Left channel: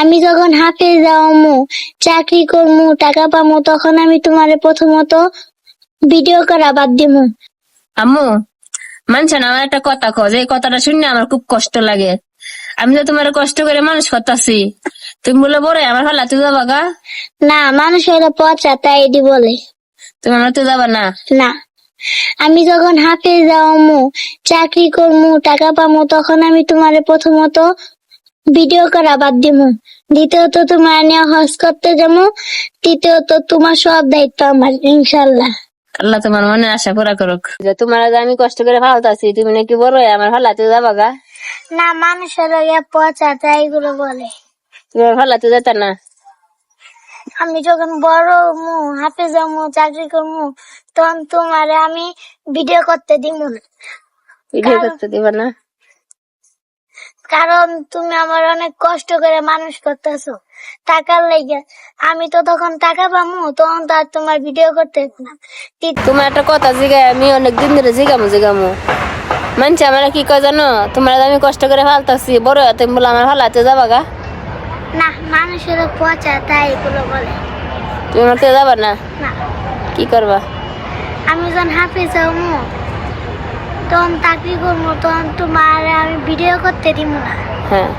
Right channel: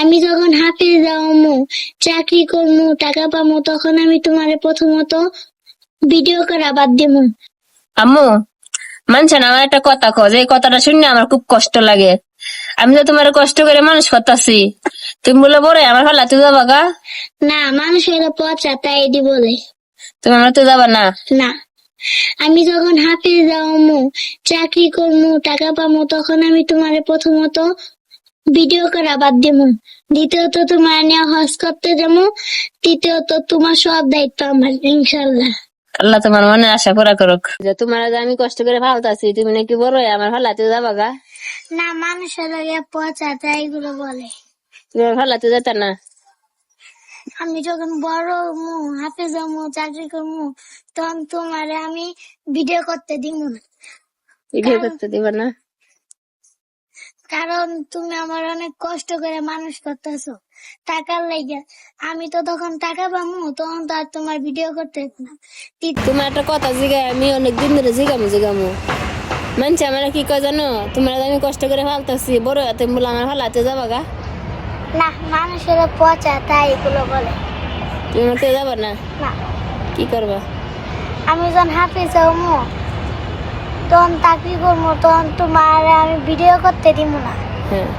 আমি যখন হাফেজ যাওয়ামু চাকরি করমু টাকা পামু তখন আমি তোমারে প্রথমত ভিডিও করা বাদ দিমু। আম্মু মানছেন আমার একটা কথা কো যে এই কথাটা শুনে আমার খুব কষ্ট লাগে। আমি তো তোমার কষ্ট করে মানুষ করতেছি তুমি বলে বড় আমার ভালো তুই যাবা গা? না মানুষ হলো পচা তাই এটি বলে। তুমি আমার তো যাবা না? না। আমি যখন হাফেজ যাওয়ামু চাকরি করমু টাকা পামু তখন আমি তোমারে প্রথমত ভিডিও করা বাদ দিমু। দ্বিতীয়ত তোমার নিয়ে হজ করতে যাব তৃতীয়ত তোমার সব দায়িত্ব আমার ইনশাল্লাহ আল্লাহ তোমার মনে আশা পুরা করুক। যে তোমার আমি কষ্ট করে ভালতাছি তুমি নাকি বড় আমার ভালো যাবা গা। না মানুষের পচা তাই বলে। তুমি আমার ভালো তুই যেতে না। আমি যখন বড় মু হাফেজ মু চাকরি করমু তখন তোমারে আমি ভিডিও করতে দিব না। ভিডিও করতে দিবা না? কারণ তুমি আমার অনেক কষ্ট করে মানুষ করতেছো। টাকার লেগে। আমি তো তখন টাকা পামু তখন তো আর তোমার ভিডিও করতে হতো না। তোমার একটা কথা জিগাই আমি অনেক দিন ধরে জিগামু জিগামু। মানছি আমার কি কয় জানো? তোমার আমি কষ্ট করে ফালতাছি বড় তুমি বলে আমার ভালো তুই যাবা গা? না মানুষের পচা তাই এগুলো বলে। তুমি আমার তো যাবা না? না। কি করবা? আমি যখন হাফিজ হমু তখন চাকরি করব তখন তোমার আমি ভিডিও করতে দিব না। হ্যাঁ।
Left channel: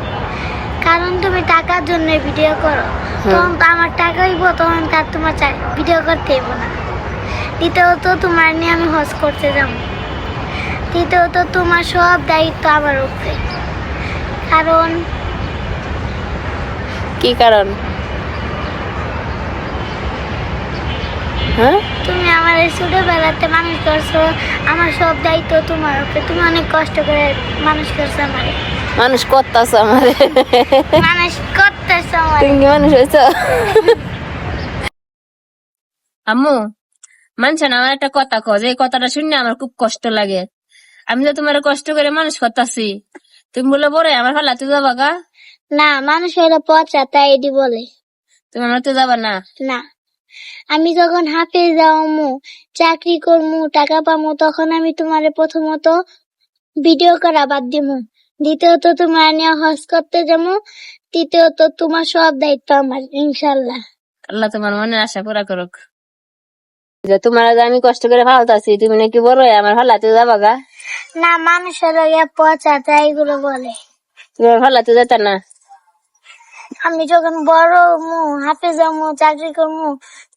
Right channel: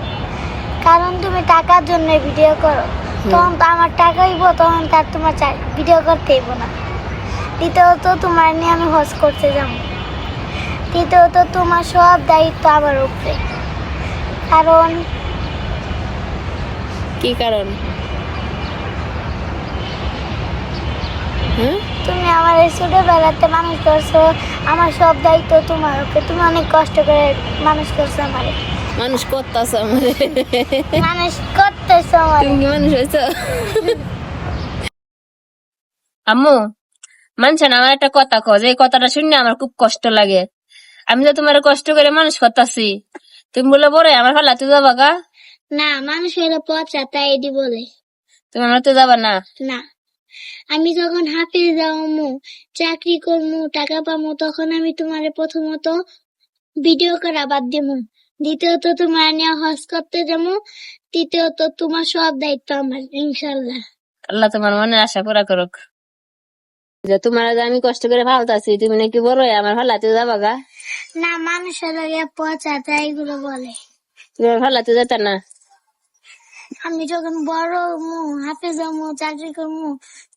কারণ তুমি টাকার জন্য ভিডিও করো। তখন তো আমার টাকা হইব তখন তার তোমার ভিডিও করতে হইব না। দ্বিতীয়ত তোমার নিয়ে আমি হজ করতে যাব। তৃতীয়ত তোমার সব দায়িত্ব আমার উপরে। কারণ কি কারণ? হ্যাঁ? আমার এই ছোটবেলাতে মানুষ করছ আমার সব দায়িত্ব তোমার উপরে। তুমি অনেক কষ্ট করে মানুষ করছ আমার। মানুষ করতেছ আমার। মানুষ করতেছো তুমি মানুষ হয়েছ? আম্মু মানছেন আমার একটা কথা কো যে এই কথাটা শুনে আমার খুব কষ্ট লাগে। আমি তো তোমার কষ্ট করে মানুষ করতেছি। তুমি বলে বড় আমার ভালো তুই যাবা গা? না মানুষ হলো পচা তাই এটি বলে। তুমি আমার তো যাবা না? না। আমি যখন হাফেজ যাওয়ামু চাকরি করমু টাকা পামু তখন আমি তোমারে প্রথমত ভিডিও করা বাদ দিমু। দ্বিতীয়ত তোমার নিয়ে হজ করতে যাব তৃতীয়ত তোমার সব দায়িত্ব আমার ইনশাল্লাহ আল্লাহ তোমার মনে আশা পুরা করুক। যে তোমার যে আমি কষ্ট করে ফালতাছি তুমি নাকি বড় হয়ে আমার যাবা গা। না মানুষের পচা তাই এগুলো বলে। তুমি আমার ভালো তুই না। আমি যখন বড় মু হাফেজ হব চাকরি করমু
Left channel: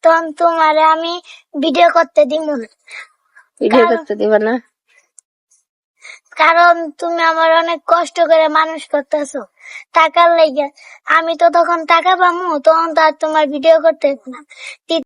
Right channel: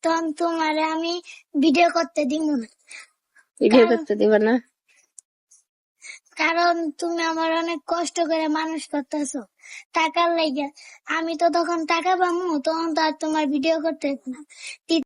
তখন তোমারে আমি ভিডিও করতে দিব। না ভিডিও করতে দিব না? কারণ তুমি আমার অনেক কষ্ট করে মানুষ করতেছো। টাকার লেগে। আমি তো তখন টাকা পামু তখন তো আর তোমার ভিডিও করতে না।